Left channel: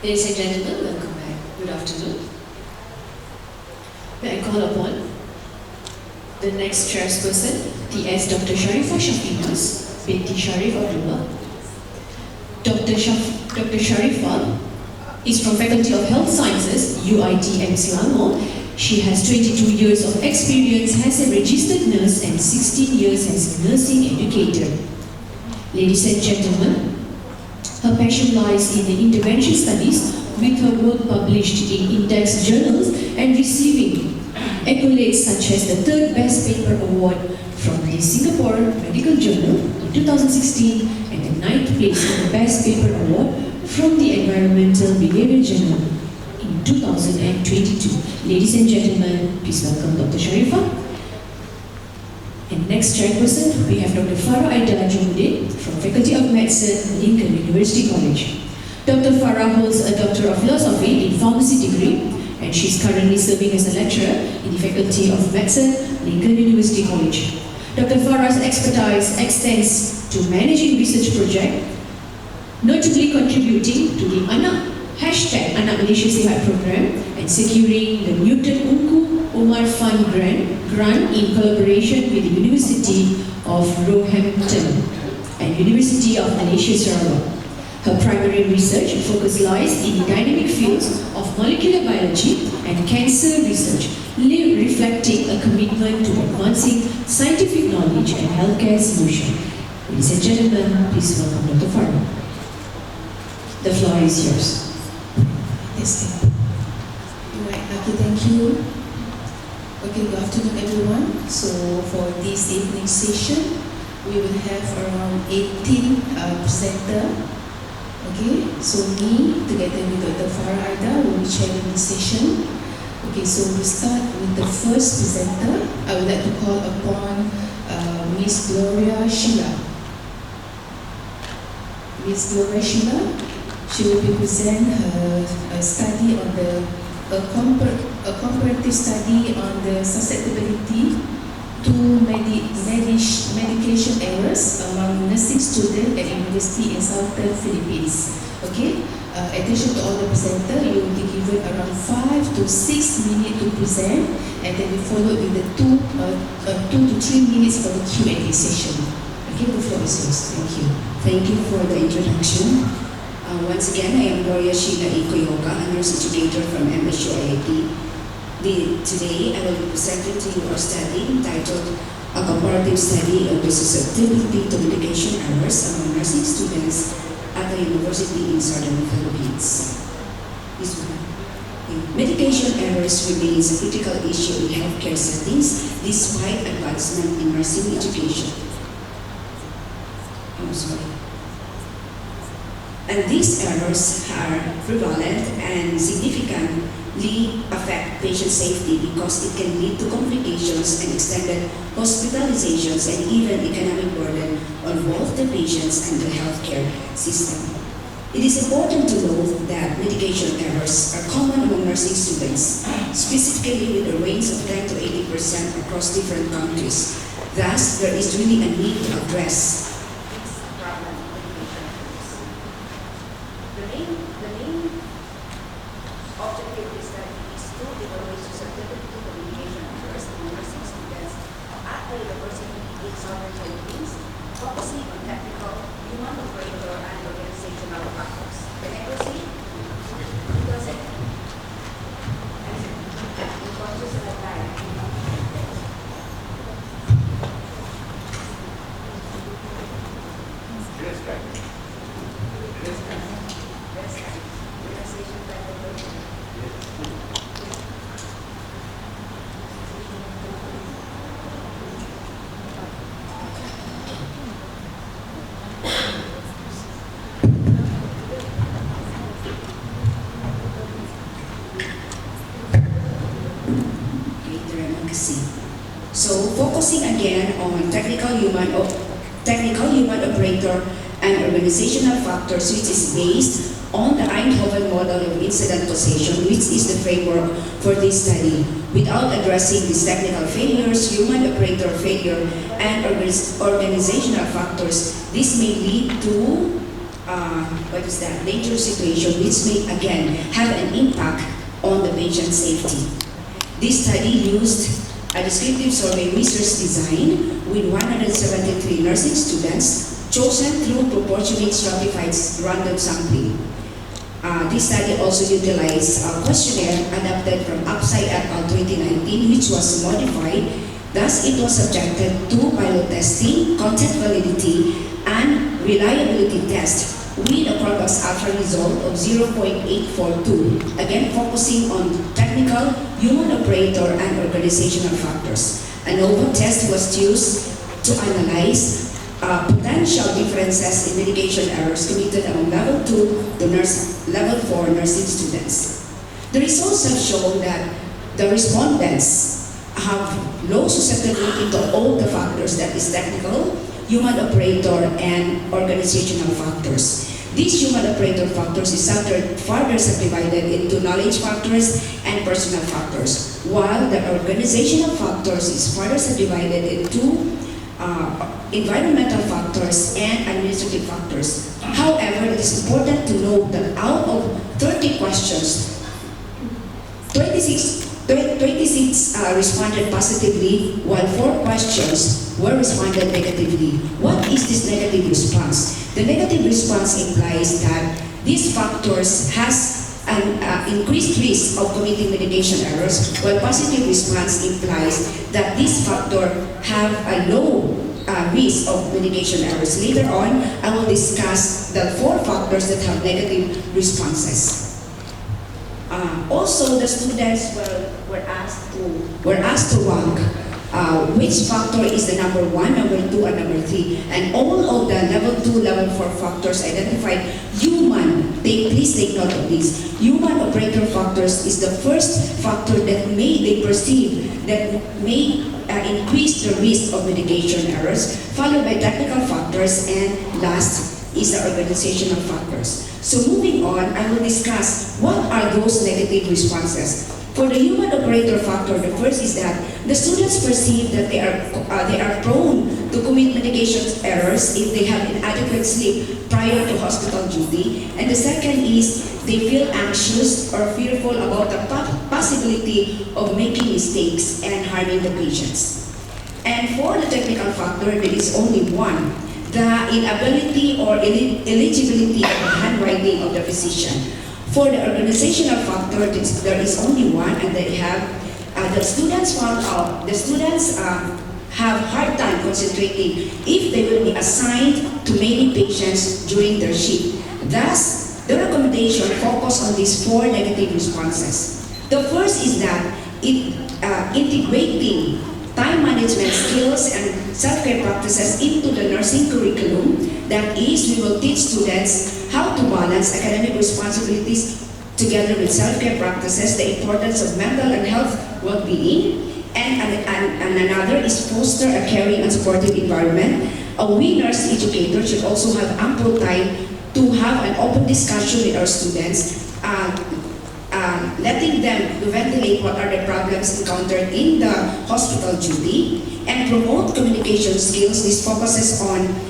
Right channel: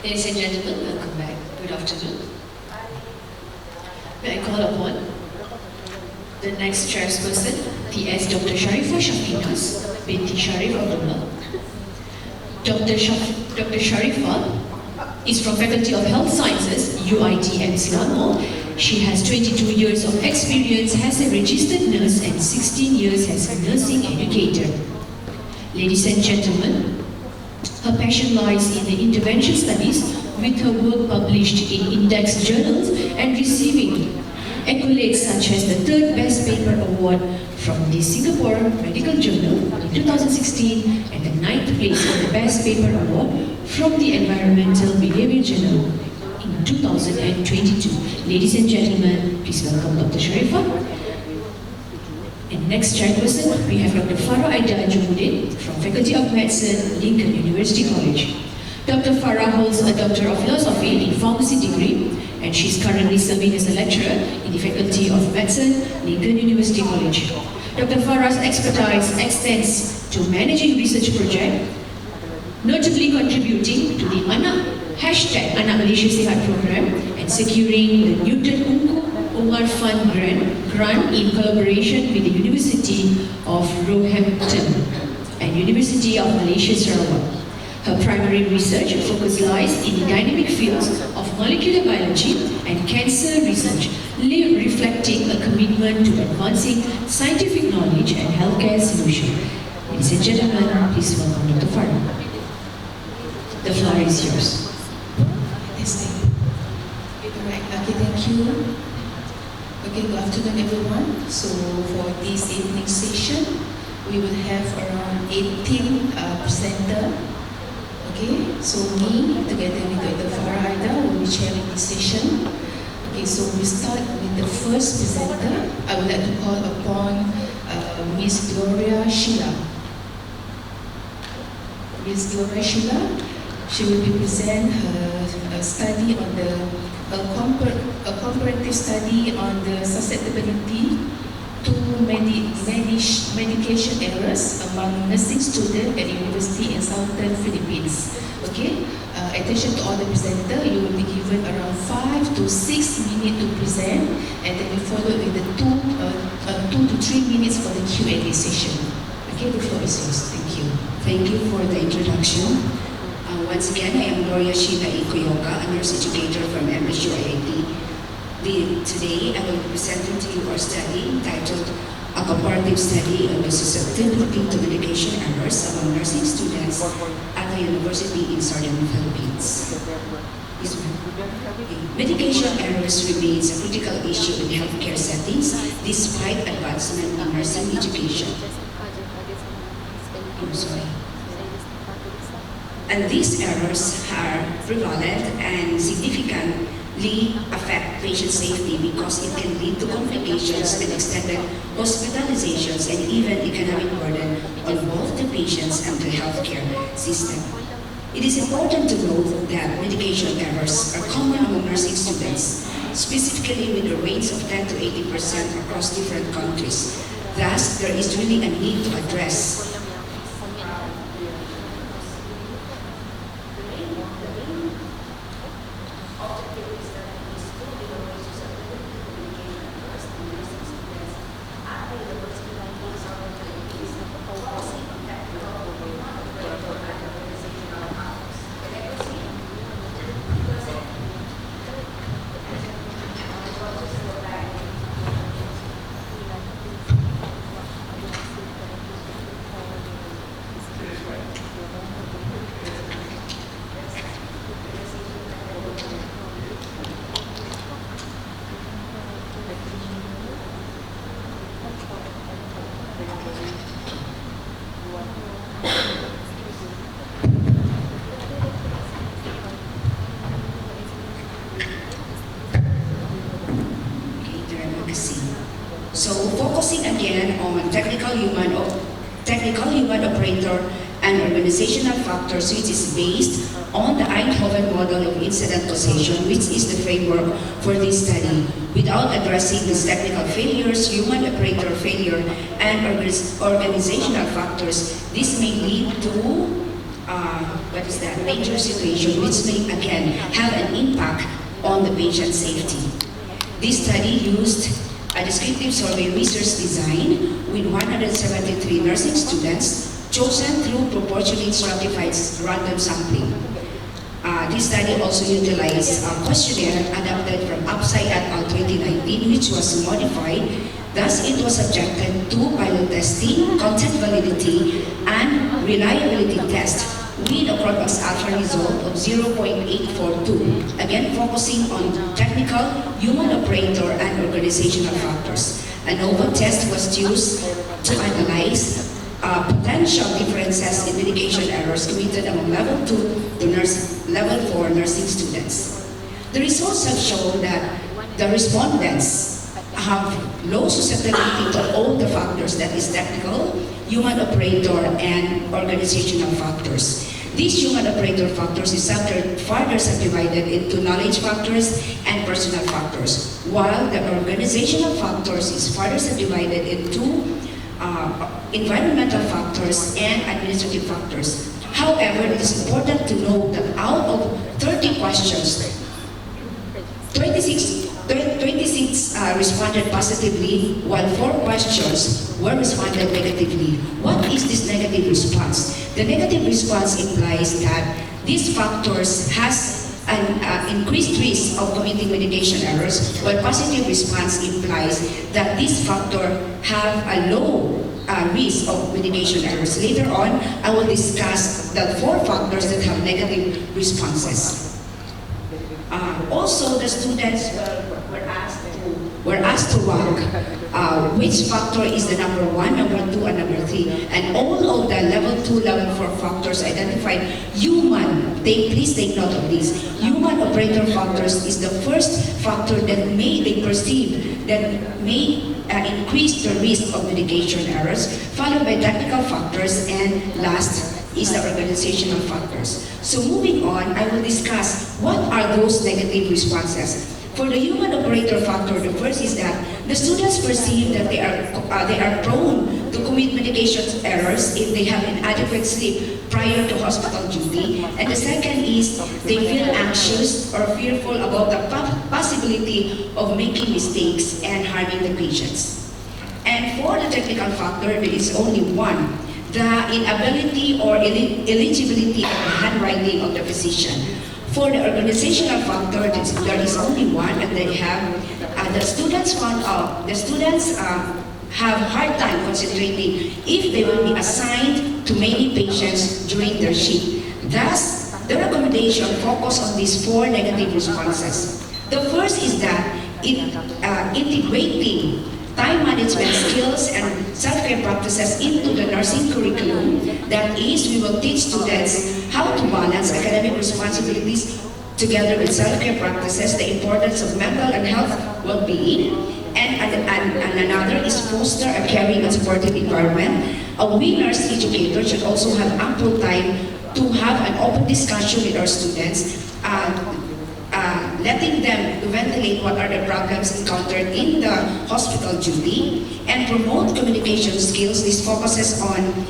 Ladies and gentlemen, welcome back. Good afternoon. May I call upon the next chairperson, TS Dr. Sharifah Shafinas binti Sharif Abdullah. Dr. Sharifah is from Faculty of Health Sciences, UIT and Selangor. She has 22 years of experience as a registered nurse and 16 years as a nursing educator. Ladies and gentlemen, her passion lies in the intervention studies, with her work published in index journals and receiving accolades such as the 3rd Best Paper Award from the Singapore Medical Journal in 2016 and the 9th place in the Best Paper Award from the Environmental Behavior Journal in 2022. Ladies and gentlemen, please welcome Dr. Sharifah. And next chairperson, we have Dr. Farah Aida Jumuddin from Faculty of Medicine, Lincoln University College. Dr. Farah holds a Doctor of Philosophy in Pharmacy degree, and she's currently serving as a lecturer in the Faculty of Medicine, Lincoln University College. Dr. Farah's expertise extends to managing research projects, notably contributing to the Anak Malaysia Sihat program and securing the Newton Unku Umar Fund grant in collaboration with the University of Roehampton and University of Malaysia Sarawak. Her primary research focus lies in the dynamic fields of molecular biology and cancer research, reflecting a commitment to advancing scientific knowledge and healthcare solutions. Ladies and gentlemen, please welcome Dr. Farah. The floor is yours. Yes, okay, thank you. Okay, good afternoon everyone. So for this evening session, we will have around 18 presenter. Okay, so me together with Dr. Farah Aida will be chairing this session. Okay, so we start with the first presenter. I would like to call upon Miss Gloria Sheila. Miss Gloria Sheila, she will be present her study on a comparative study on the susceptibility to medication errors among nursing students at university in southern Philippines. Okay, attention to all the presenter. You will be given around 5 to 6 minutes to present, and then we follow with the 2 to 3 minutes for the Q&A session. Okay, the floor is yours. Thank you. Thank you for the introduction. Once again, I am Gloria Sheila Ikoyoka, a nurse educator from MSU IIT. Today, I will be presenting to you our study entitled A Comparative Study of the Susceptibility to Medication Errors Among Nursing Students at the University in Southern Philippines. Medication errors remains a critical issue in healthcare settings despite advancement in nursing education. And these errors are prevalent and significantly affect patient safety because it can lead to complications and extended hospitalizations and even economic burden on both the patients and the healthcare system. It is important to note that medication errors are common among nursing students, specifically with a range of 10 to 80% across different countries. Thus, there is really a need to address So focusing again on technical human operator and organizational factors, which is based on the Eindhoven model of incident causation, which is the framework for this study. Without addressing these technical failures, human operator failure, and organizational factors, this may lead to nature situation, which may again have an impact on the patient safety. This study used a descriptive survey research design with 173 nursing students chosen through proportionate stratified random sampling. This study also utilized a questionnaire adapted from Upside et al. 2019, which was modified. Thus, it was subjected to pilot testing, content validity, and reliability test with a Cronbach's alpha result of 0.842, again focusing on technical, human operator, and organizational factors. A NOVA test was used to analyze potential differences in medication errors committed among level 2 to level 4 nursing students. The results have shown that the respondents have low susceptibility to all the factors, that is technical, human operator, and organizational factors. These human operator factors is further subdivided into knowledge factors and personal factors, while the organizational factors is further subdivided into environmental factors and administrative factors. However, it is important to note that out of 30 questions, 26 responded positively, while 4 questions were responded negatively. What is this negative response? The negative response implies that these factors has an increased risk of committing medication errors, while positive response implies that this factor have a low risk of medication errors. Later on, I will discuss the 4 factors that have negative responses. Also, the students were asked to rank which factor is the number 1, number 2, and number 3. And all of the level 2, level 4 factors identified human. Please take note of this. Human operator factors is the first factor that they perceive that may increase the risk of medication errors, followed by technical factors, and last is the organizational factors. So moving on, I will discuss what are those negative responses. For the human operator factor, the first is that the students perceive that they are prone to commit medication errors if they have inadequate sleep prior to hospital duty. And the second is they feel anxious or fearful about the possibility of making mistakes and harming the patients. And for the technical factor, there is only one: the inability or eligibility of the handwriting of the physician. For the organizational factor, there is only one, and they have the students have hard time concentrating if they will be assigned to many patients during their shift. Thus, the recommendation focus on these 4 negative responses. The first is that integrating time management skills and self-care practices into the nursing curriculum. That is, we will teach students how to balance academic responsibilities together with self-care practices, the importance of mental and health well-being, and another is foster a caring and supportive environment. We nurse educators should also have ample time to have an open discussion with our students, letting them to ventilate what are the problems encountered in the hospital duty, and promote communication skills. This focuses on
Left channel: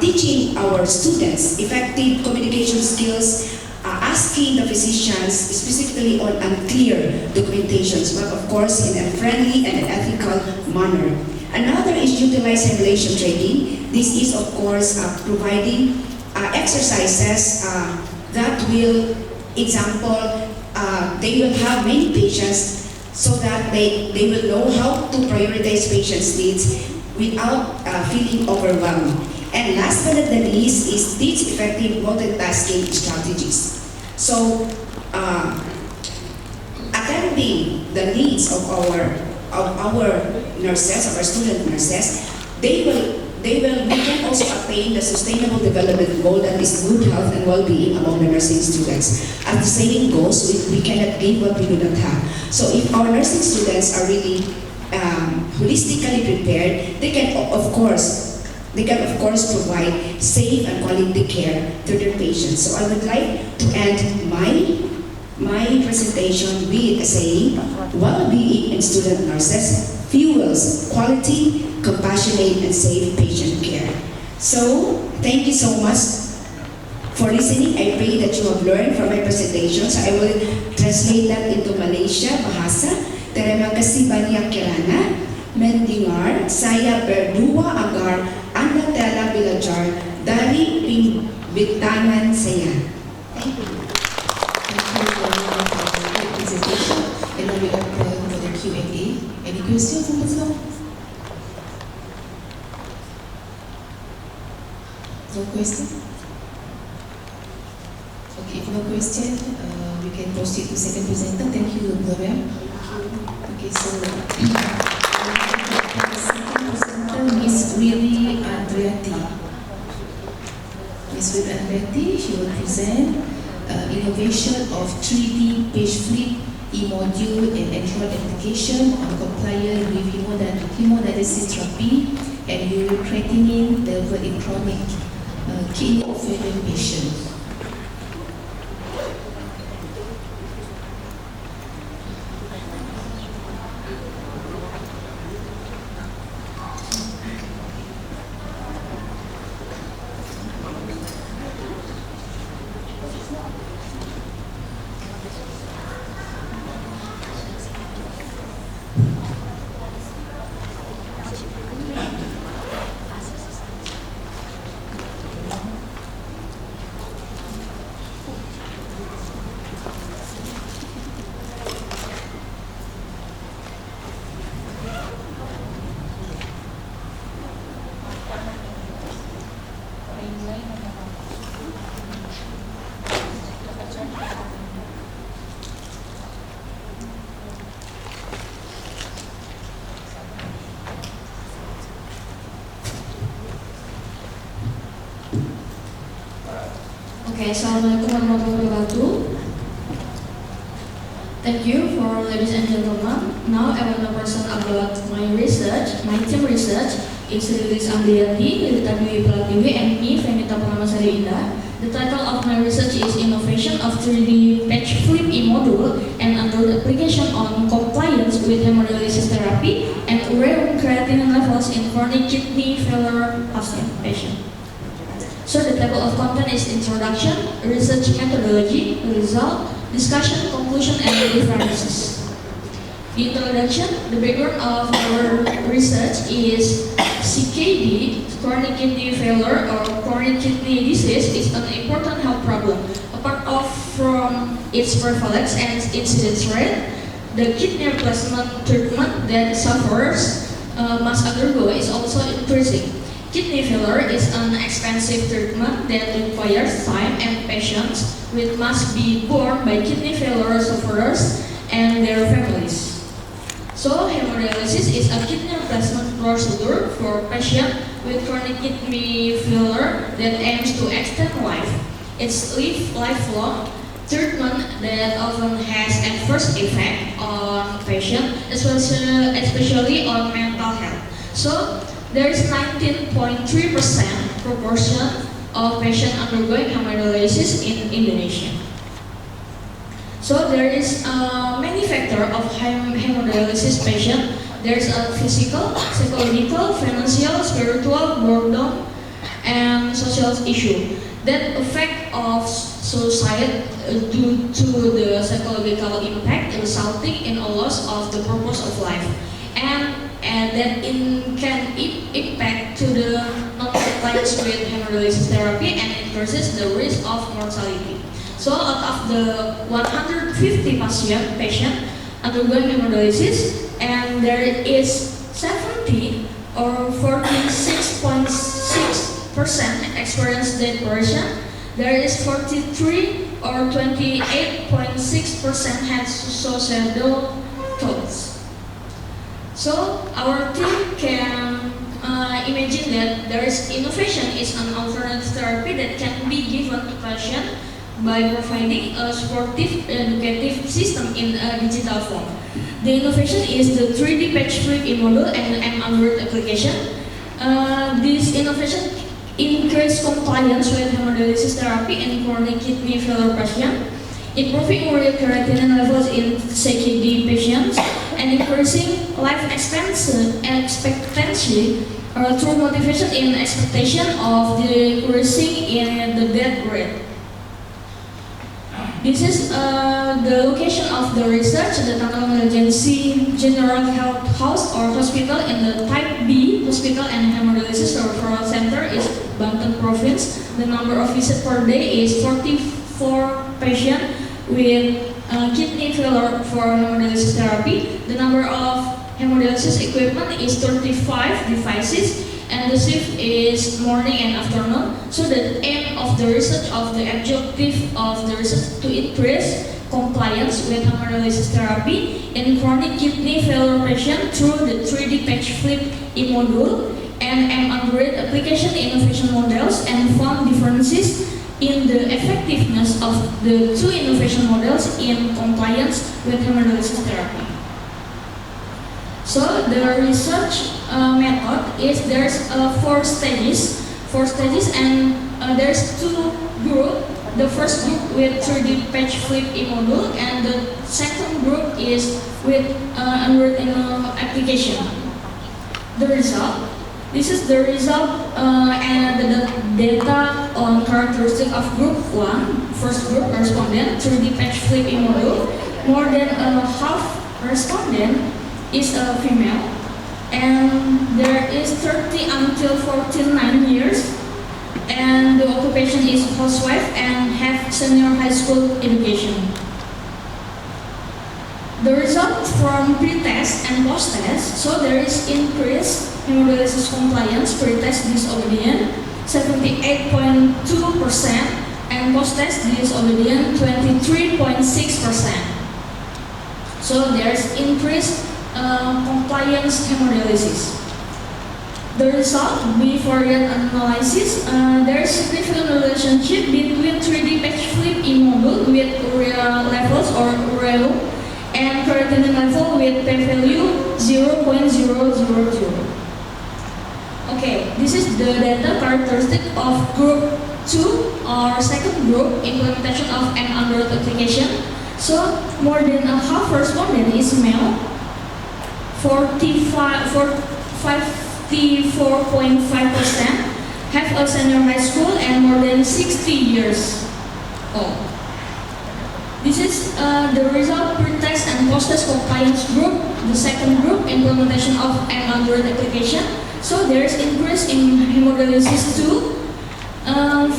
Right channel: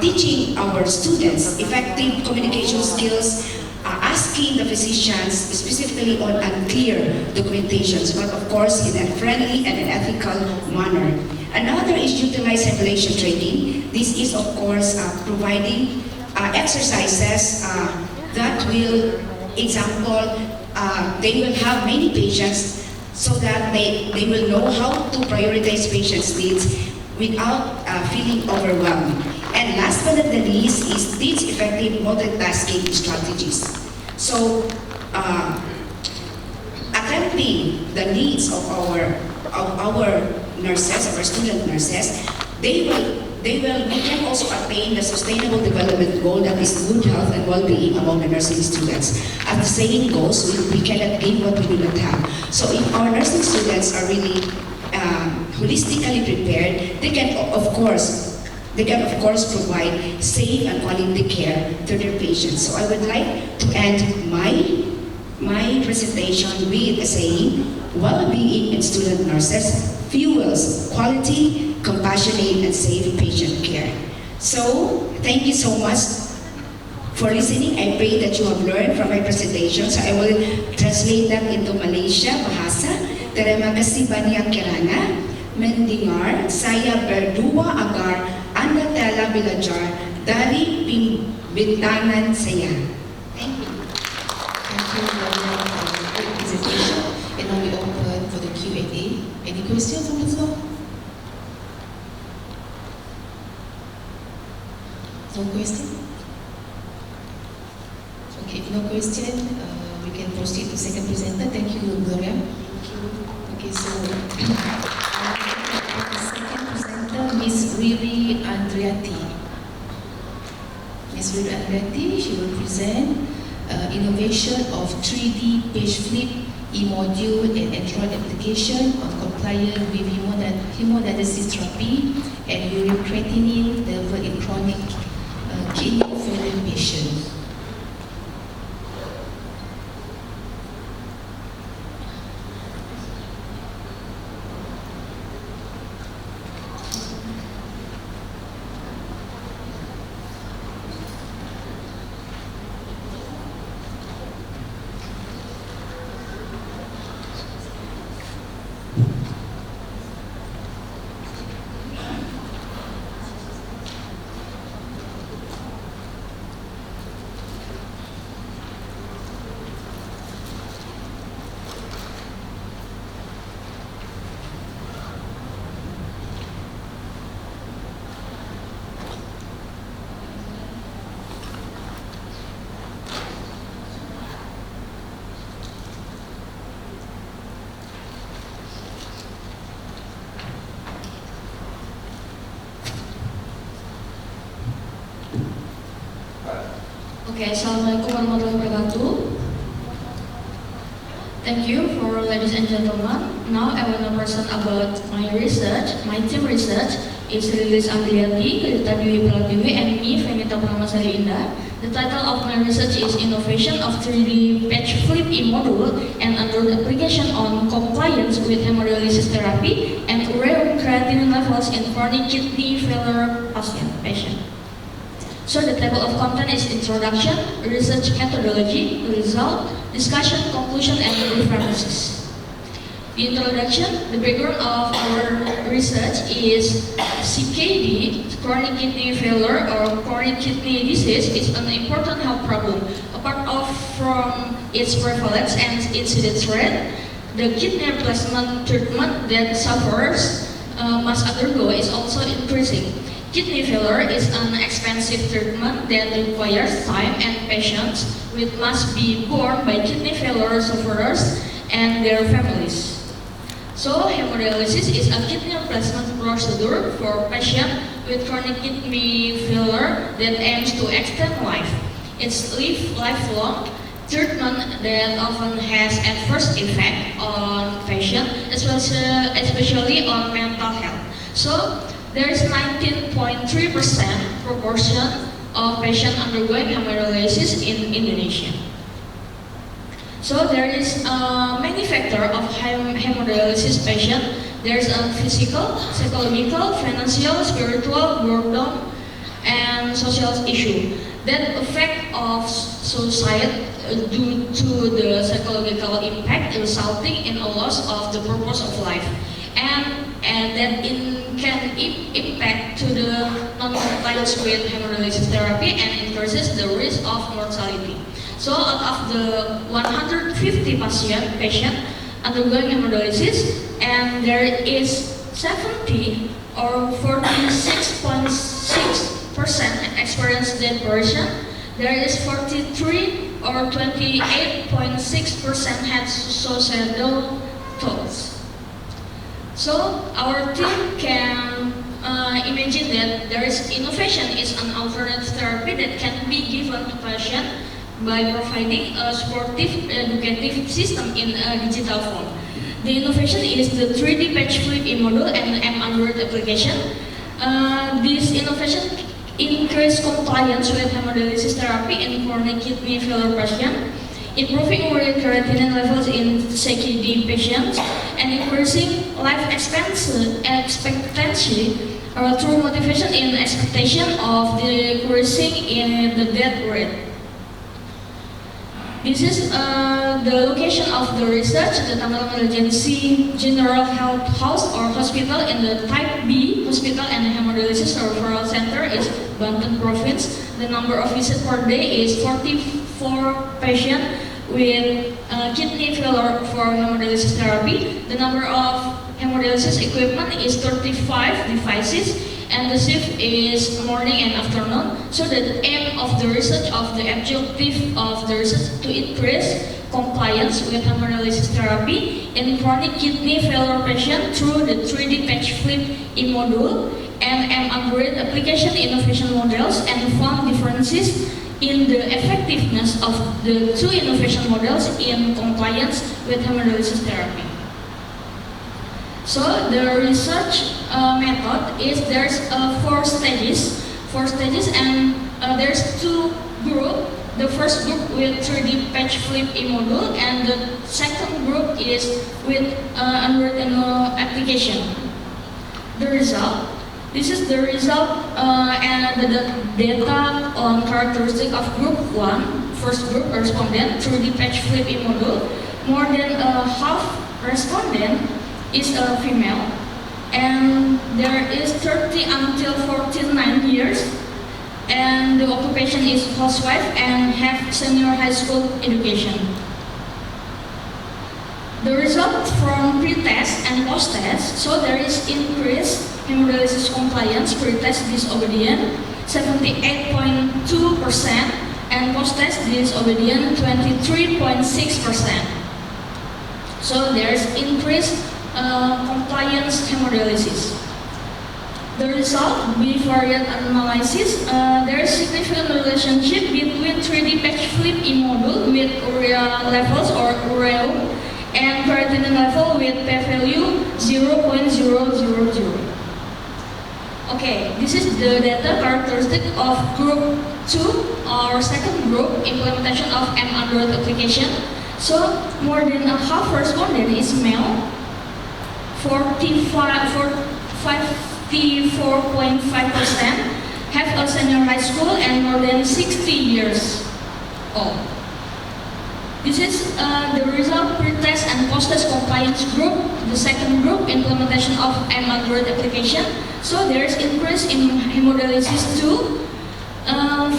teaching our students effective communication skills, asking the physicians specifically on unclear documentations, but of course in a friendly and an ethical manner. Another is utilize simulation training. This is of course providing exercises that will, example, they will have many patients so that they will know how to prioritize patients' needs without feeling overwhelmed. And last but not the least is teach effective multitasking strategies. So, attending the needs of our nurses, of our student nurses, we can also attain the sustainable development goal, that is good health and well-being among the nursing students. As the saying goes, we cannot give what we do not have. So if our nursing students are really holistically prepared, they can of course provide safe and quality care to their patients. So I would like to end my presentation with a saying: well-being in student nurses fuels quality, compassionate, and safe patient care. So thank you so much for listening. I pray that you have learned from my presentation. So I will translate that into Malaysia bahasa. Terima kasih banyak kirana mendengar saya berdua agar Anda telah belajar dari pimpinan saya. Thank you. Thank you very much for the great presentation. And now we open for the Q&A. Any questions on the floor? No question? Okay, if no question, we can proceed to second presenter. Thank you, Gloria. Okay, so the second presenter, Miss Riri Andriati. Miss Riri Andriati, she will present innovation of 3D page flip, e-module and Android application on compliant with hemodialysis therapy and ureocreatinine level in chronic kidney failure patients. Okay, Assalamualaikum warahmatullahi wabarakatuh. Thank you for ladies and gentlemen. Now I want to present about my research. My team research is Lilis Andriati, Rita Dewi Pelatiwi, and me, Femita Purnamasari Indah. The title of my research is Innovation of 3D Patch Flip e-Module and Android application on compliance with hemodialysis therapy and ureocreatinine levels in chronic kidney failure patient. So the table of content is introduction, research methodology, result, discussion, conclusion, and references. The introduction, the background of our research is CKD, chronic kidney failure or chronic kidney disease, is an important health problem. Apart from its prevalence and incidence rate, the kidney replacement treatment that sufferers must undergo is also increasing. Kidney failure is an expensive treatment that requires time and patience, which must be borne by kidney failure sufferers and their families. So, hemodialysis is a kidney replacement procedure for patients with chronic kidney failure that aims to extend life. It's lifelong treatment that often has adverse effect on patients, especially on mental health. So, there is 19.3% proportion of patients undergoing hemodialysis in Indonesia. So there is many factors of hemodialysis patient. There is a physical, psychological, financial, spiritual, boredom, and social issue that affect of suicide due to the psychological impact resulting in a loss of the purpose of life. And that can impact to the non-compliance with hemodialysis therapy and increases the risk of mortality. So out of the 150 patient undergoing hemodialysis, and there is 70 or 46.6% experience depression, there is 43 or 28.6% had suicidal thoughts. So our team can imagine that there is innovation is an alternative therapy that can be given to patient by providing a supportive educative system in a digital form. The innovation is the 3D patch flip e-module and Android application. This innovation increase compliance with hemodialysis therapy in chronic kidney failure patients, improving ureocreatinine levels in CKD patients, and increasing life expectancy through motivation in expectation of decreasing in the death rate. This is the location of the research. The Tanggerang Emergency General Health House or Hospital in the Type B Hospital and Hemodialysis Referral Center is Banten Province. The number of visits per day is 44 patients with kidney failure for hemodialysis therapy. The number of hemodialysis equipment is 35 devices, and the shift is morning and afternoon. So the aim of the research, of the objective of the research, to increase compliance with hemodialysis therapy in chronic kidney failure patients through the 3D patch flip e-module and Android application innovation models, and found differences in the effectiveness of the two innovation models in compliance with hemodialysis therapy. So the research method is there's four stages, and there's two groups. The first group with 3D patch flip e-module, and the second group is with Android application. The result. This is the result and the data on characteristic of group 1, first group respondent, 3D patch flip e-module. More than half respondent is a female, and there is 30 until 49 years, and the occupation is housewife and have senior high school education. The result from pre-test and post-test, so there is increased hemodialysis compliance, pre-test disobedient 78.2% and post-test disobedient 23.6%. So there's increased compliance hemodialysis. The result, bivariate analysis, there is significant relationship between 3D patch flip e-module with urea levels or urea and creatinine level with p-value 0.000. Okay, this is the data characteristic of group 2 or second group implementation of an Android application. So more than a half respondent is male, 54.5% have a senior high school and more than 60 years old. This is the result pre-test and post-test compliance group, the second group implementation of an Android application. So there is increase in hemodialysis too.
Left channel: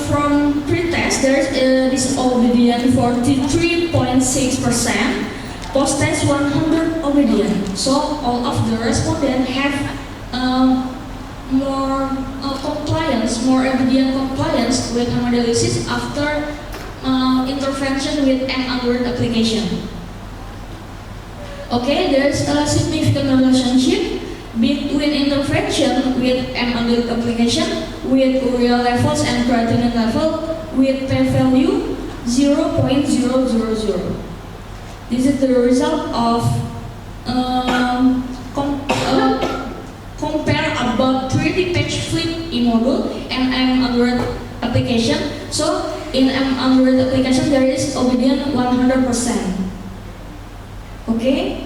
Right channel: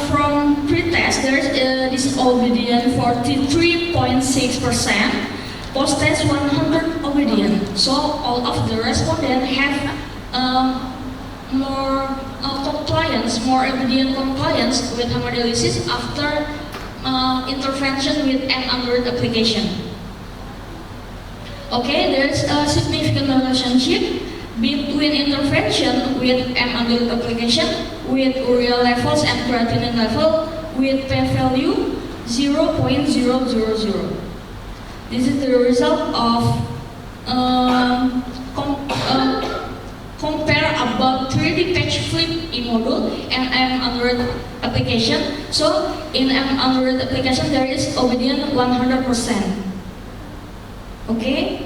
From pre-test, there is disobedient 43.6%, post-test 100 obedient. So all of the respondents have more compliance, more obedient compliance with hemodialysis after intervention with an Android application. Okay, there's a significant relationship between intervention with an Android application with urea levels and creatinine level with p-value 0.000. This is the result of compare about 3D patch flip e-module and Android application. So in Android application there is obedient 100%. Okay.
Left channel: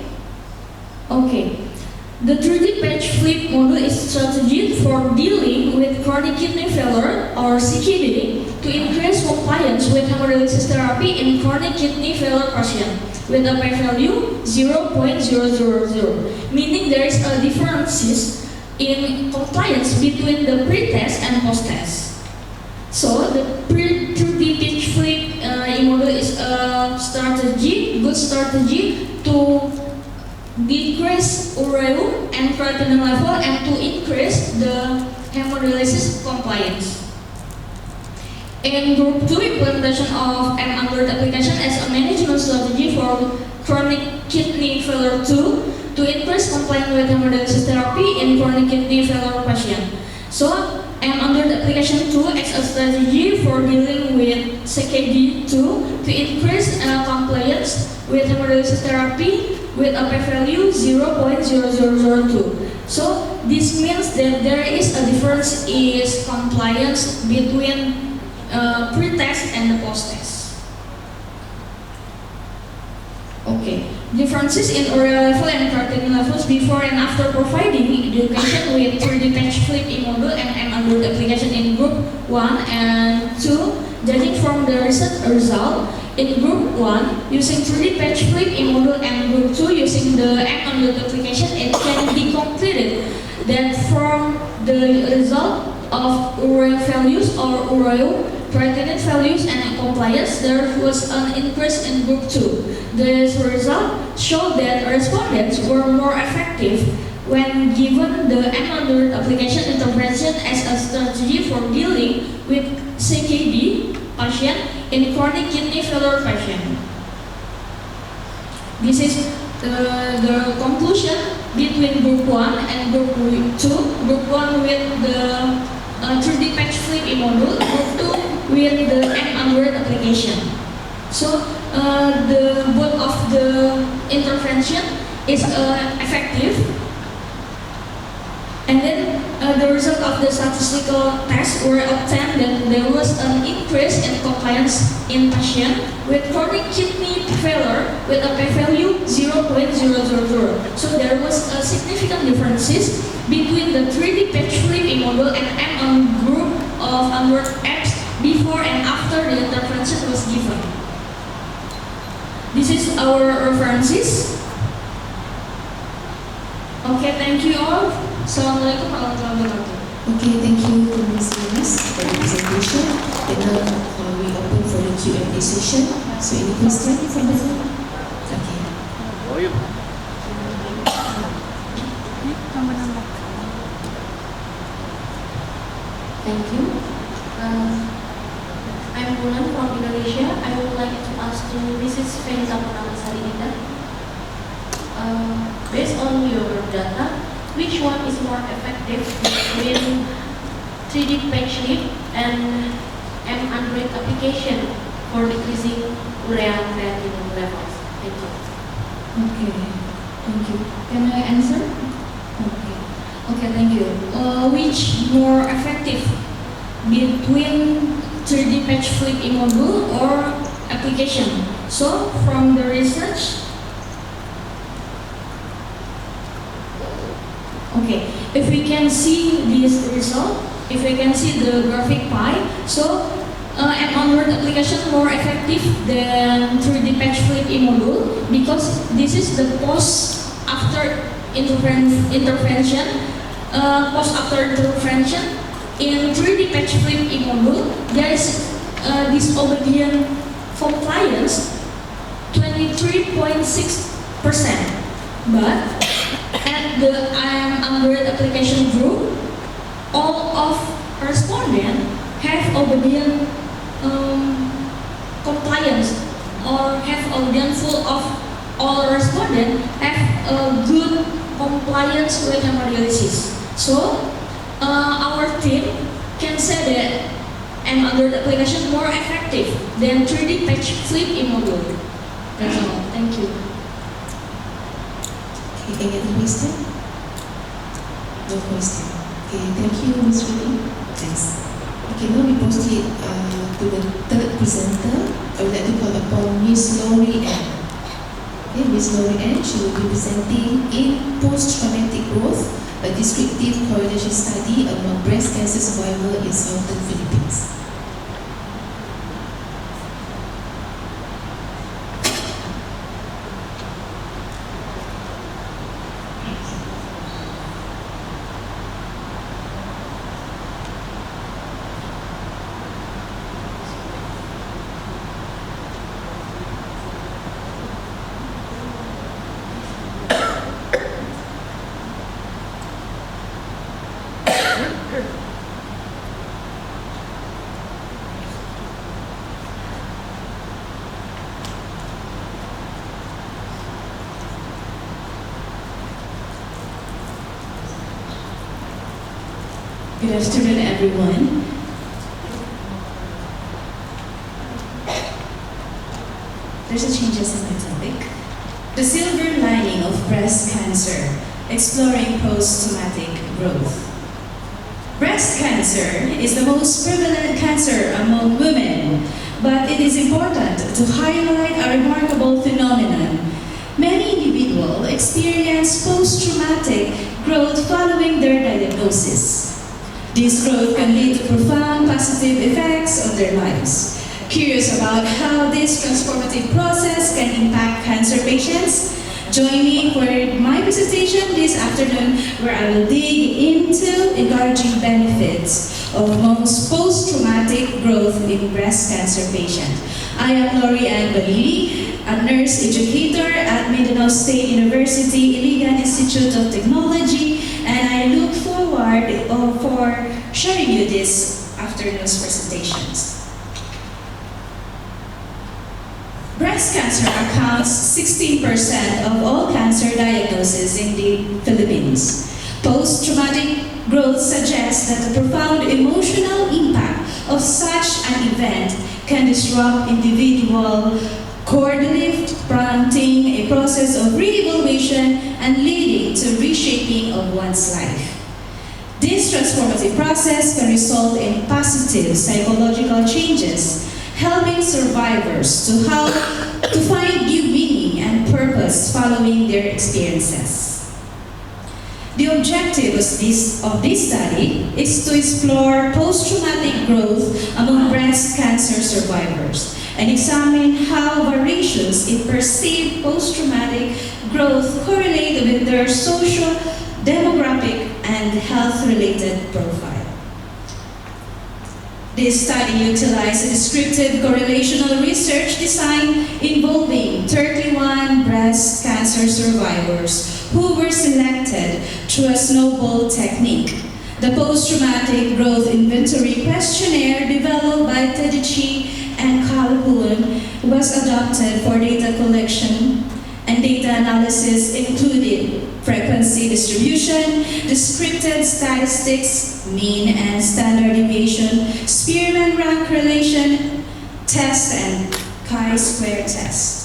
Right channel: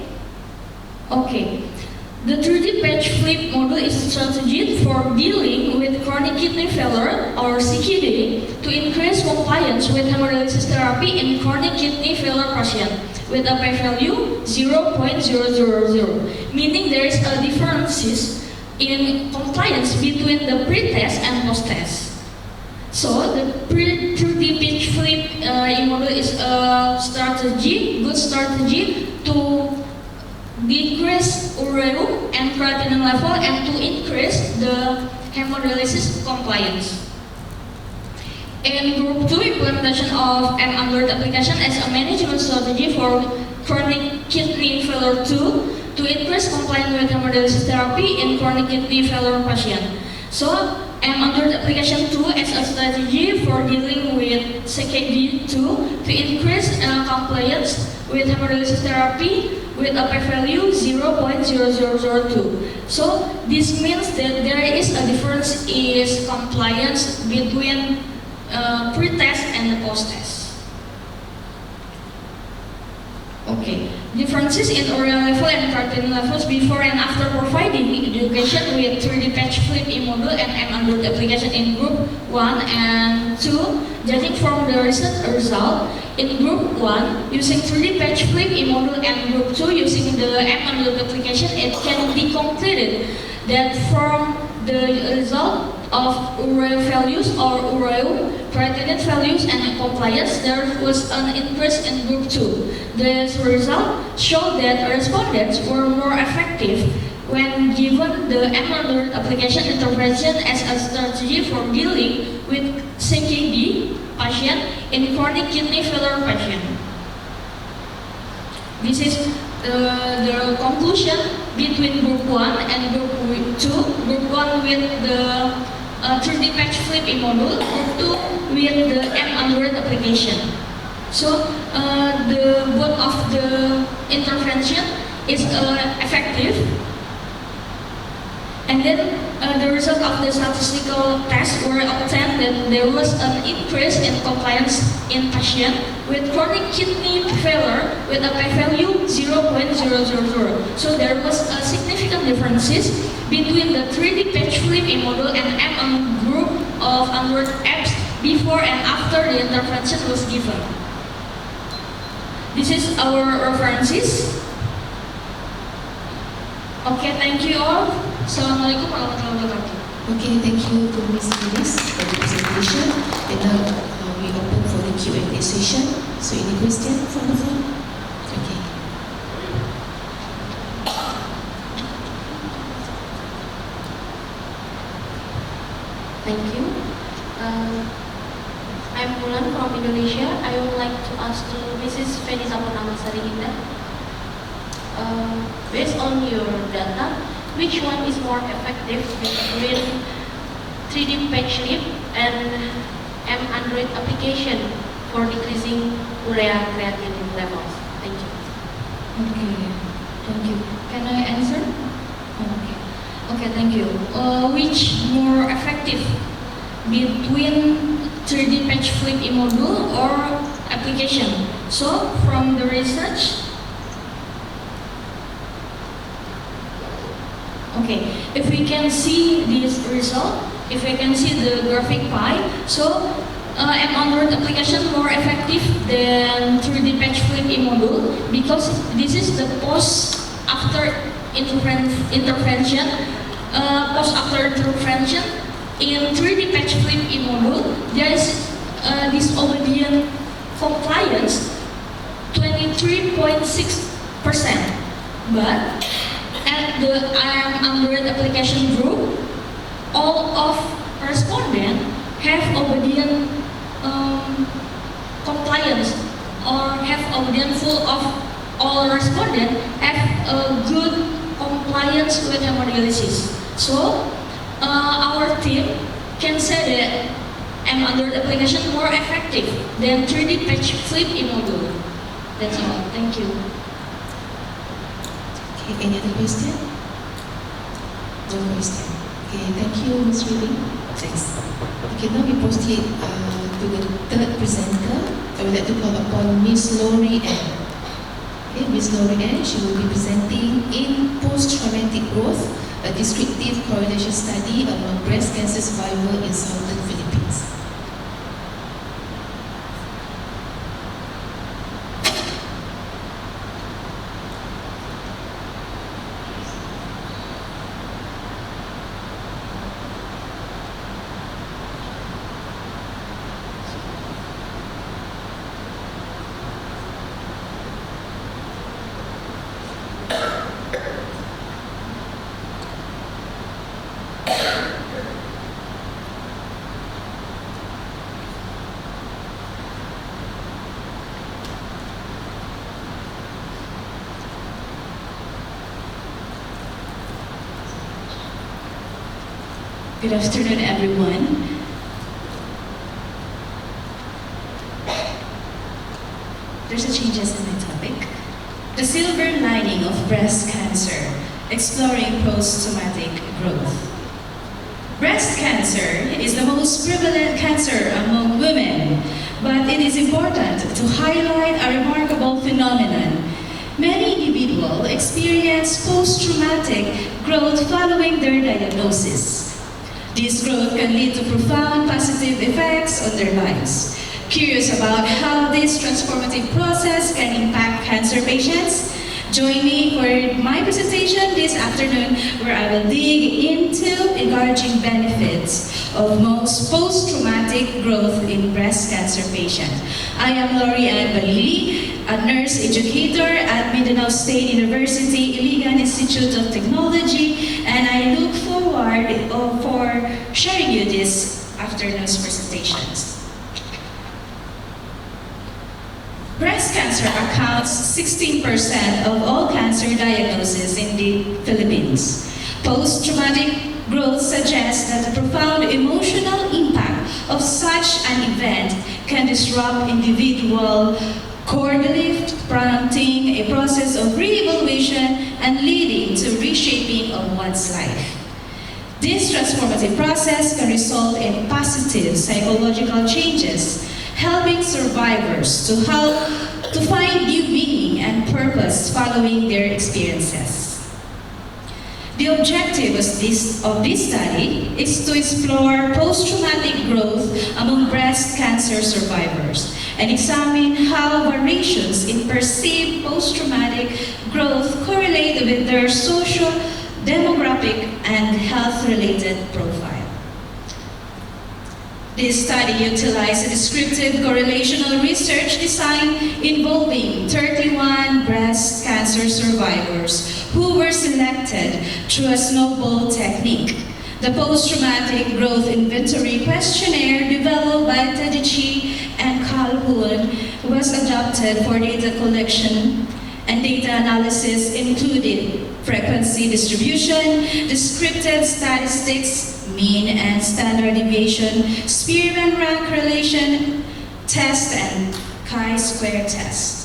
The 3D patch flip module is strategic for dealing with chronic kidney failure or CKD to increase compliance with hemodialysis therapy in chronic kidney failure patients with a p-value 0.000, meaning there is a differences in compliance between the pre-test and post-test. So the 3D patch flip e-module is a good strategy to decrease urea and creatinine level and to increase the hemodialysis compliance. In group 2, implementation of an Android application as a management strategy for chronic kidney failure 2 to increase compliance with hemodialysis therapy in chronic kidney failure patient. So an Android application 2 as a strategy for dealing with CKD 2 to increase compliance with hemodialysis therapy with a p-value 0.0002. So this means that there is a difference in compliance between pre-test and the post-test. Okay, differences in urea level and creatinine levels before and after providing education with 3D patch flip e-module and Android application in group 1 and 2. Judging from the research result, in Group 1 using 3D patch flip e-module and Group 2 using the M-Android application, it can be concluded that from the result of URL values or URL pertinent values and compliance, there was an increase in Group 2. This result showed that respondents were more effective when given the M-Android application intervention as a strategy for dealing with CKD patient in chronic kidney failure patient. This is the conclusion between Group 1 and Group 2. Group 1 with the 3D patch flip e-module, Group 2 with the M-Android application. So the both of the intervention is effective. And then the result of the statistical test were obtained that there was an increase in compliance in patients with chronic kidney failure with a p-value 0.000. So there was a significant differences between the 3D patch flip e-module and M group of Android apps before and after the intervention was given. This is our references. Okay, thank you all. Assalamualaikum warahmatullahi wabarakatuh. Okay, thank you to Ms. Yunus for the presentation. And now we open for the Q&A session. So any question from the floor? Okay. Thank you. I'm Mulan from Indonesia. I would like to ask you, Mrs. Fenita Purnamasari Indah, based on your data, which one is more effective between 3D patch flip and M-Android application for decreasing urea creatinine levels? Thank you. Okay, thank you. Can I answer? Okay, thank you. Which more effective between 3D patch flip e-module or application? So from the research, okay, if we can see this result, if we can see the graphic pie, so M-Android application more effective than 3D patch flip e-module because this is the post after intervention. Post after intervention in 3D patch flip e-module, there is disobedient compliance 23.6%, but at the Android application group, all of respondents have obedient compliance or have obedient full of all respondents have a good compliance with hemodialysis. So our team can say that M-Android application more effective than 3D patch flip e-module. That's all. Thank you. Okay, any other question? No question. Okay, thank you, Ms. Ruby. Thanks. Okay, now we proceed to the third presenter. I would like to call upon Ms. Lori Ann. Okay, Ms. Lori Ann, she will be presenting in post-traumatic growth, a descriptive correlation study among breast cancer survivors in southern Philippines. Good afternoon, everyone. There's a changes in the topic. The silver lining of breast cancer, exploring post-traumatic growth. Breast cancer is the most prevalent cancer among women, but it is important to highlight a remarkable phenomenon. Many individuals experience post-traumatic growth following their diagnosis. This growth can lead to profound positive effects on their lives. Curious about how this transformative process can impact cancer patients? Join me for my presentation this afternoon, where I will dig into encouraging benefits of post-traumatic growth in breast cancer patients. I am Lori Ann Balili, a nurse educator at Mindanao State University Iligan Institute of Technology, and I look forward for sharing you this afternoon's presentations. Breast cancer accounts 16% of all cancer diagnoses in the Philippines. Post-traumatic growth suggests that the profound emotional impact of such an event can disrupt individual core belief, prompting a process of re-evaluation and leading to reshaping of one's life. This transformative process can result in positive psychological changes, helping survivors to find new meaning and purpose following their experiences. The objective of this study is to explore post-traumatic growth among breast cancer survivors and examine how variations in perceived post-traumatic growth correlate with their social, demographic, and health-related profile. This study utilized descriptive correlational research design involving 31 breast cancer survivors who were selected through a snowball technique. The post-traumatic growth inventory questionnaire developed by Tedici and Calhoun was adopted for data collection and data analysis, including frequency distribution, descriptive statistics, mean and standard deviation, Spearman rank correlation test, and chi-square test.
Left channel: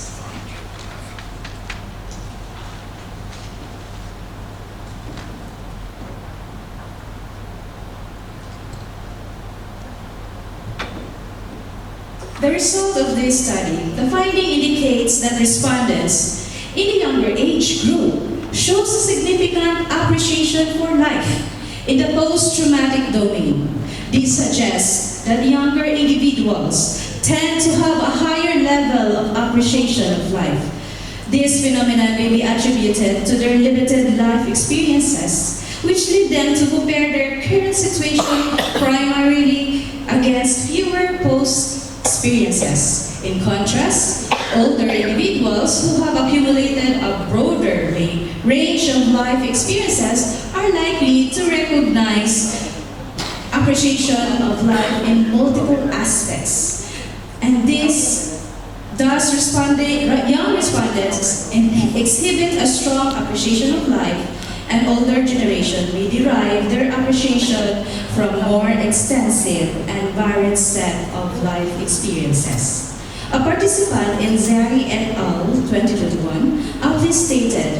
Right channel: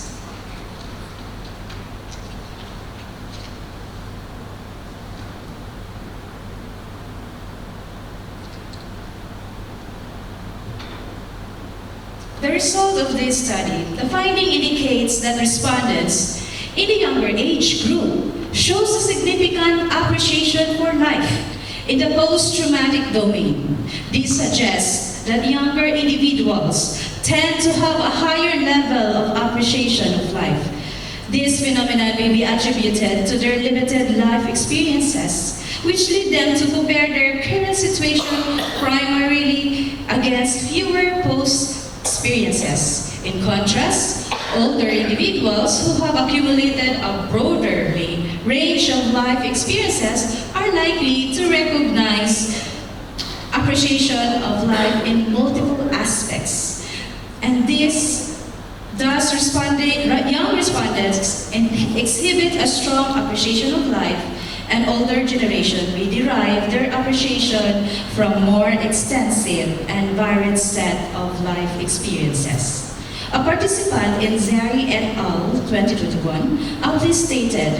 The result of this study, the finding indicates that respondents in the younger age group shows a significant appreciation for life in the post-traumatic domain. This suggests that younger individuals tend to have a higher level of appreciation of life. This phenomenon may be attributed to their limited life experiences, which lead them to compare their current situation primarily against fewer post-experiences. In contrast, older individuals who have accumulated a broader range of life experiences are likely to recognize appreciation of life in multiple aspects. And young respondents exhibit a strong appreciation of life, and older generation may derive their appreciation from more extensive and varied set of life experiences. A participant in Zari et al. 2021 aptly stated,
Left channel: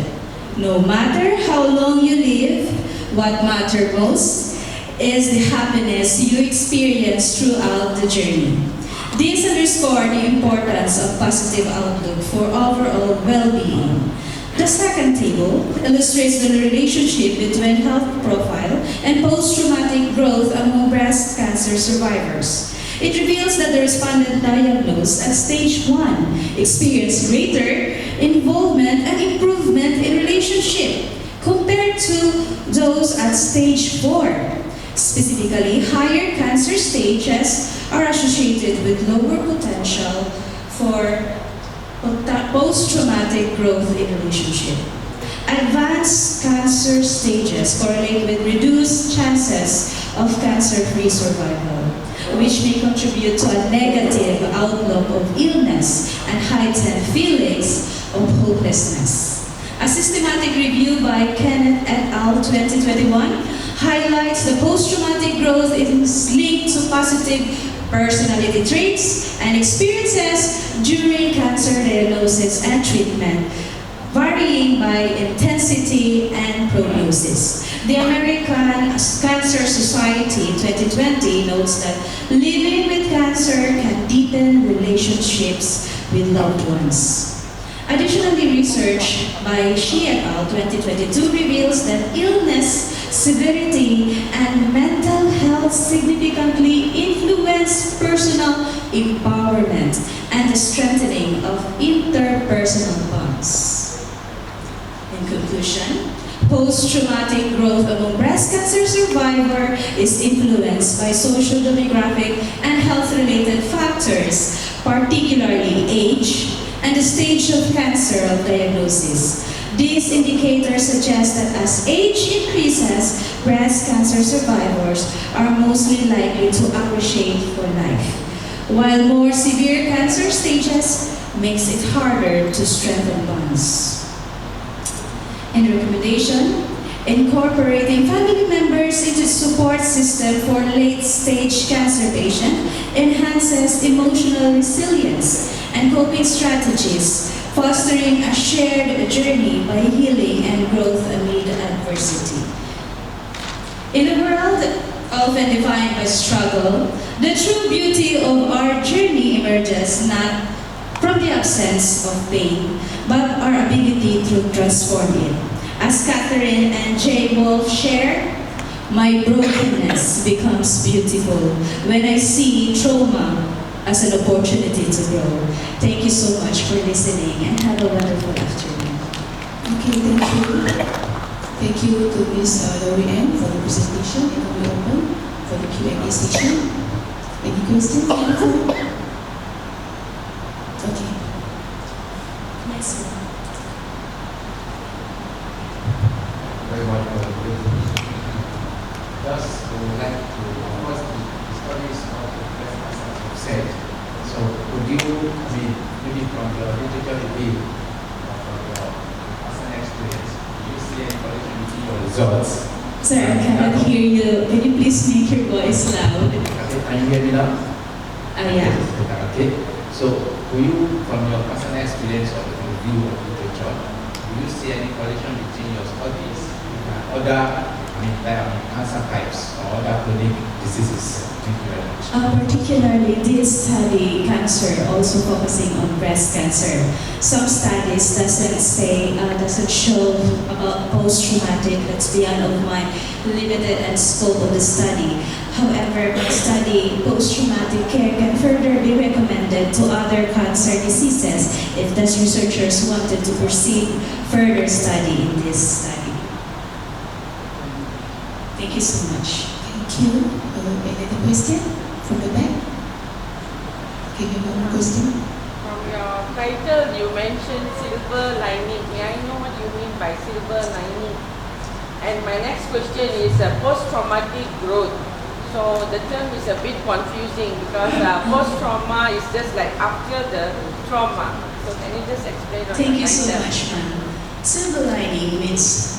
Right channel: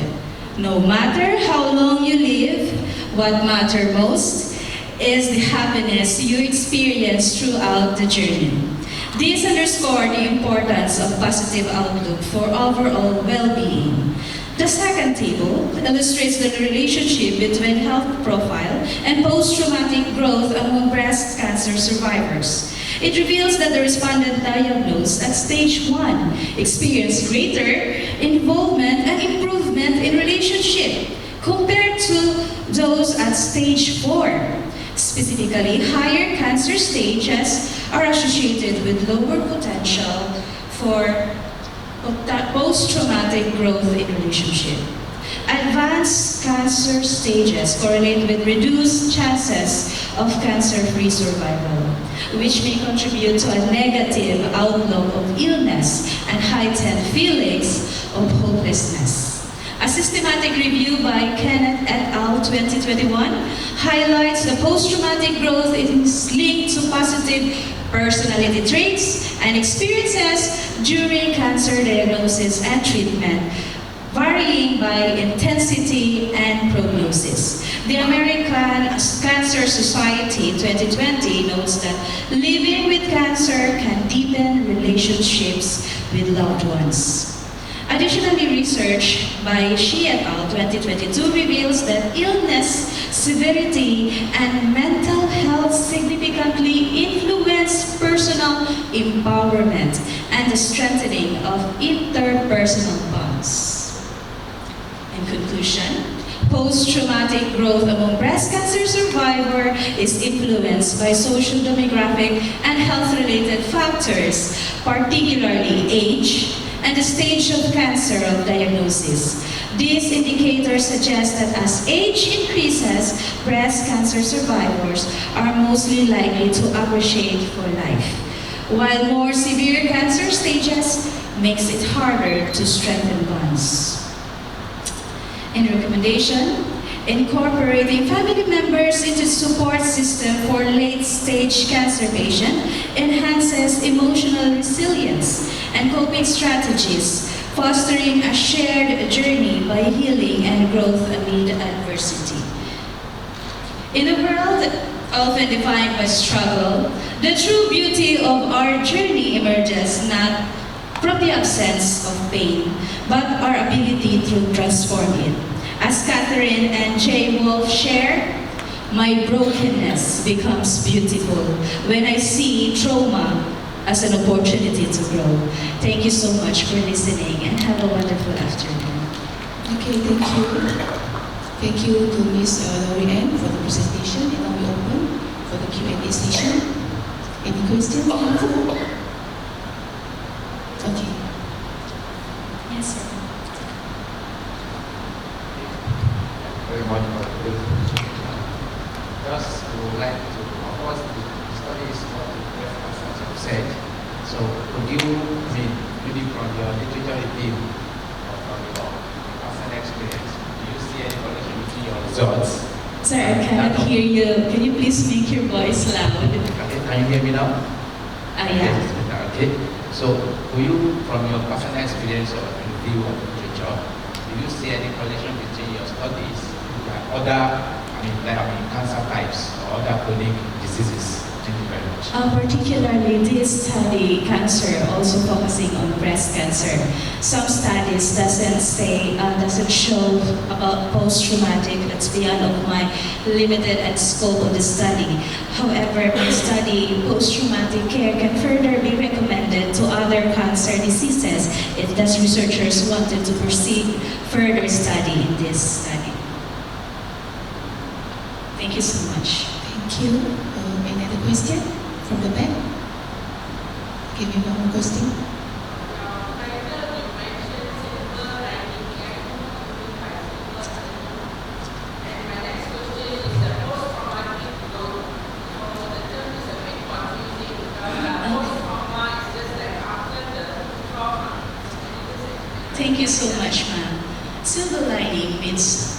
"No matter how long you live, what matters most is the happiness you experience throughout the journey." This underscores the importance of positive outlook for overall well-being. The second table illustrates the relationship between health profile and post-traumatic growth among breast cancer survivors. It reveals that the respondent diagnosed at stage 1 experienced greater involvement and improvement in relationship compared to those at stage 4. Specifically, higher cancer stages are associated with lower potential for post-traumatic growth in relationship. Advanced cancer stages correlate with reduced chances of cancer-free survival, which may contribute to a negative outlook of illness and heightened feelings of hopelessness. A systematic review by Kenneth et al. 2021 highlights the post-traumatic growth is linked to positive personality traits and experiences during cancer diagnosis and treatment, varying by intensity and prognosis. The American Cancer Society 2020 notes that living with cancer can deepen relationships with loved ones. Additionally, research by Shi et al. 2022 reveals that illness, severity, and mental health significantly influence personal empowerment and the strengthening of interpersonal bonds. In conclusion, post-traumatic growth among breast cancer survivor is influenced by social, demographic, and health-related factors, particularly age and the stage of cancer of diagnosis. These indicators suggest that as age increases, breast cancer survivors are mostly likely to appreciate for life, while more severe cancer stages makes it harder to strengthen bonds. In recommendation, incorporating family members into support system for late-stage cancer patient enhances emotional resilience and coping strategies, fostering a shared journey by healing and growth amid adversity. In a world often defined by struggle, the true beauty of our journey emerges not from the absence of pain, but our ability to transform it. As Catherine and Jay Wolf shared, my brokenness becomes beautiful when I see trauma as an opportunity to grow. Thank you so much for listening and have a wonderful afternoon. Okay, thank you. Thank you to Ms. Lori Ann for the presentation. And now we open for the Q&A session. Any questions? Okay. Yes, sir. Very much for the presentation. Just would like to, of course, the study is not the best as you said. So could you, maybe from your literature review, or from your personal experience, do you see any correlation between your results? Sir, I cannot hear you. Can you please make your voice loud? Okay, can you hear me now? Yeah. Okay. So, do you, from your personal experience or review of literature, do you see any correlation between your studies and other, cancer types or other chronic diseases? Thank you very much. Particularly this study, cancer, also focusing on breast cancer. Some studies doesn't show about post-traumatic. That's beyond of my limited and scope of the study. However, my study, post-traumatic care can further be recommended to other cancer diseases if those researchers wanted to proceed further study in this study. Thank you so much. Thank you. Any other question from the back? Okay, we have one question. From your title, you mentioned silver lining. May I know what you mean by silver lining? And my next question is post-traumatic growth. So the term is a bit confusing because post-trauma is just like after the trauma. So can you just explain? Thank you so much, ma'am. Silver lining means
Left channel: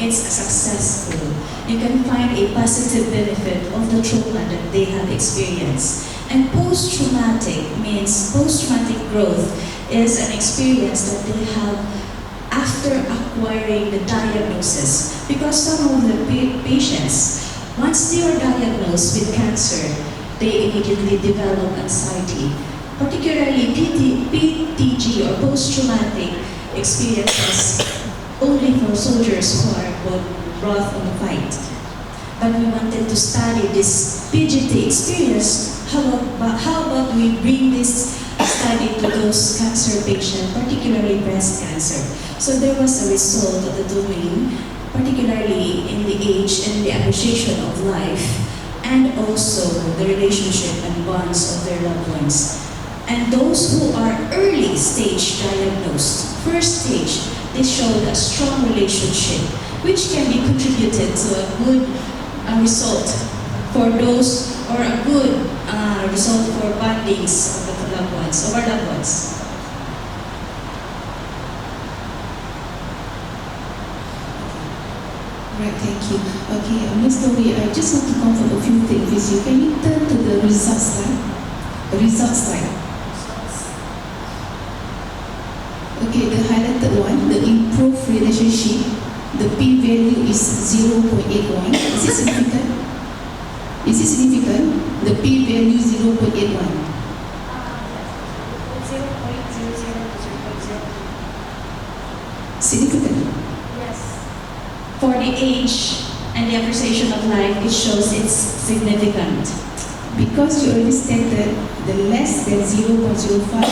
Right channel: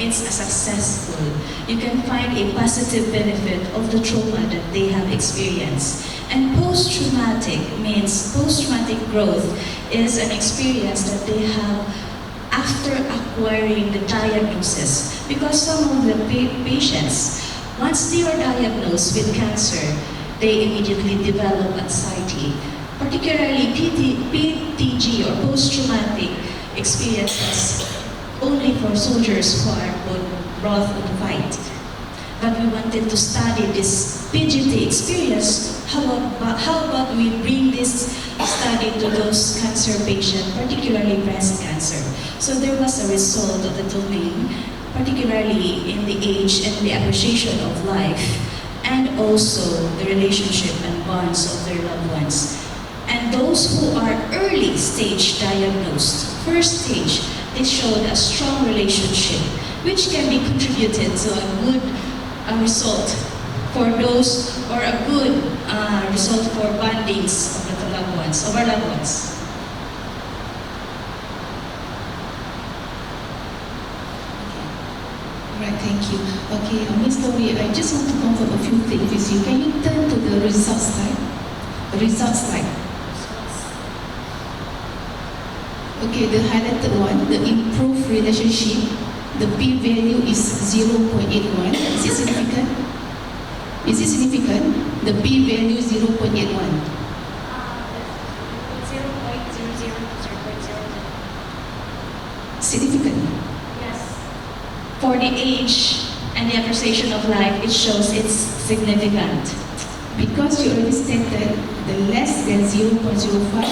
it's successful. You can find a positive benefit of the trauma that they have experienced. And post-traumatic means post-traumatic growth is an experience that they have after acquiring the diagnosis. Because some of the patients, once they are diagnosed with cancer, they immediately develop anxiety. Particularly PTG or post-traumatic experiences only for soldiers who are brought on the fight. But we wanted to study this PGT experience. How about we bring this study to those cancer patients, particularly breast cancer? So there was a result of the domain, particularly in the age and the appreciation of life, and also the relationship and bonds of their loved ones. And those who are early stage diagnosed, first stage, they showed a strong relationship, which can be contributed to a good result for those, or a good result for bondings of the loved ones, of our loved ones. Right, thank you. Okay, Ms. Lori, I just want to confirm a few things with you. Can you turn to the results slide? The results slide. Okay, the highlighted one, the improved relationship, the p-value is 0.81. Is it significant? Is it significant? The p-value 0.81. 0.00 to 0.02. Significant. Yes. For the age and the appreciation of life, it shows it's significant. because you already stated the less than 0.05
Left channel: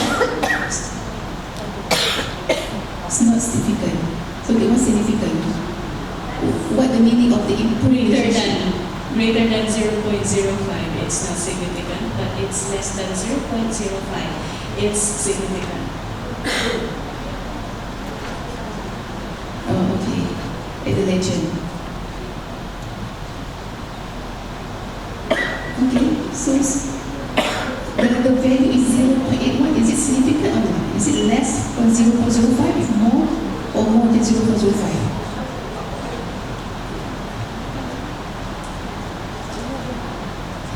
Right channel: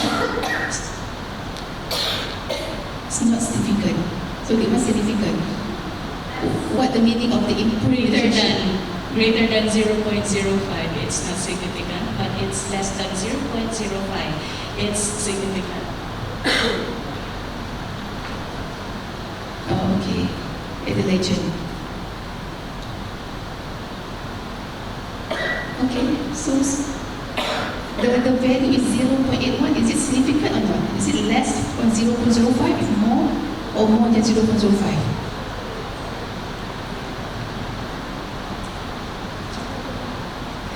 is not significant. So it was significant. What the meaning of the Greater than 0.05, it's not significant, but it's less than 0.05, it's significant. Oh, okay. At the legend. Okay, so the value is 0.81. Is it significant or not? Is it less than 0.05, more or more than 0.05?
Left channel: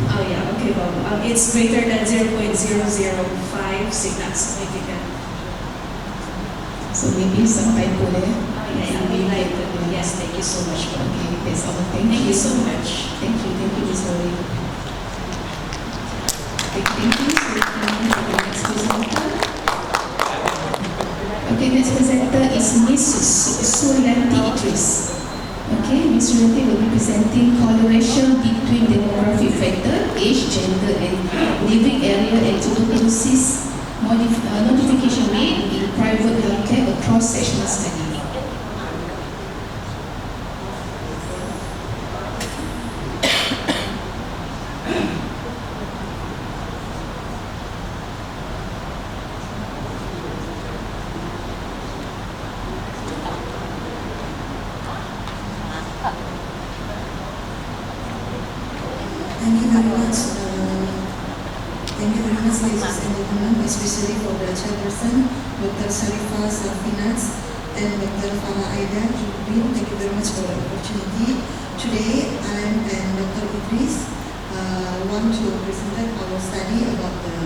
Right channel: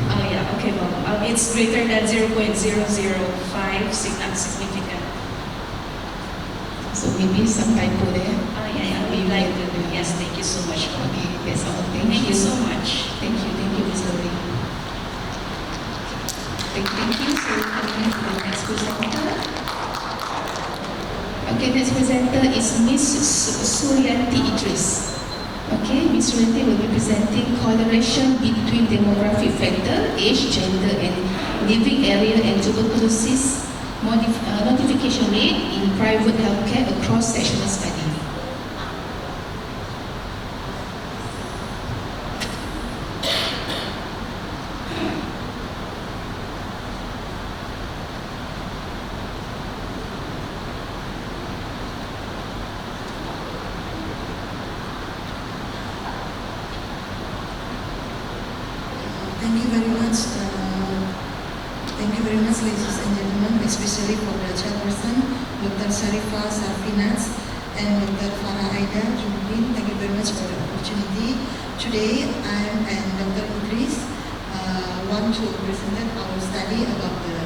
Oh yeah, okay, well, it's greater than 0.005, that's significant. So maybe some typo there. Oh yeah, we like it. Yes, thank you so much. Okay, that's all. Thank Thank you. you so much. Thank you, Ms. Lori. Thank you. So we can move to the next presenter. Okay, next presenter is Miss Suryanti Idris. Okay, Miss Suryanti will be presenting correlation between demographic factor, age, gender, and living area and tuberculosis notification rate in private healthcare across sectional study. Thank you very much. Thank you very much, ladies and gentlemen, especially for the chairperson, Dr. Sharifah Sarfinas and Dr. Farah Aida Jubin. Thank you very much for the opportunity. Today, I and Dr. Idris want to present our study about the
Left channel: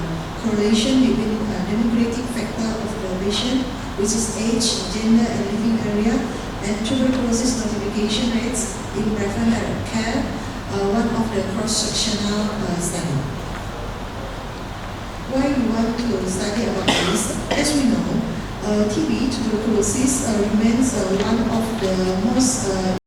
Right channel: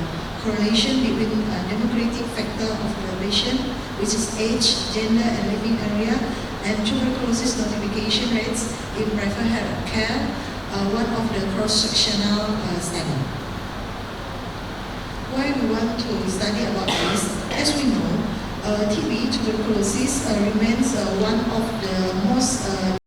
correlation between demographic factor of the patient, which is age, gender, and living area, and tuberculosis notification rates in private health care. One of the cross-sectional study. Why we want to study about this? As we know, TB, tuberculosis, remains one of the most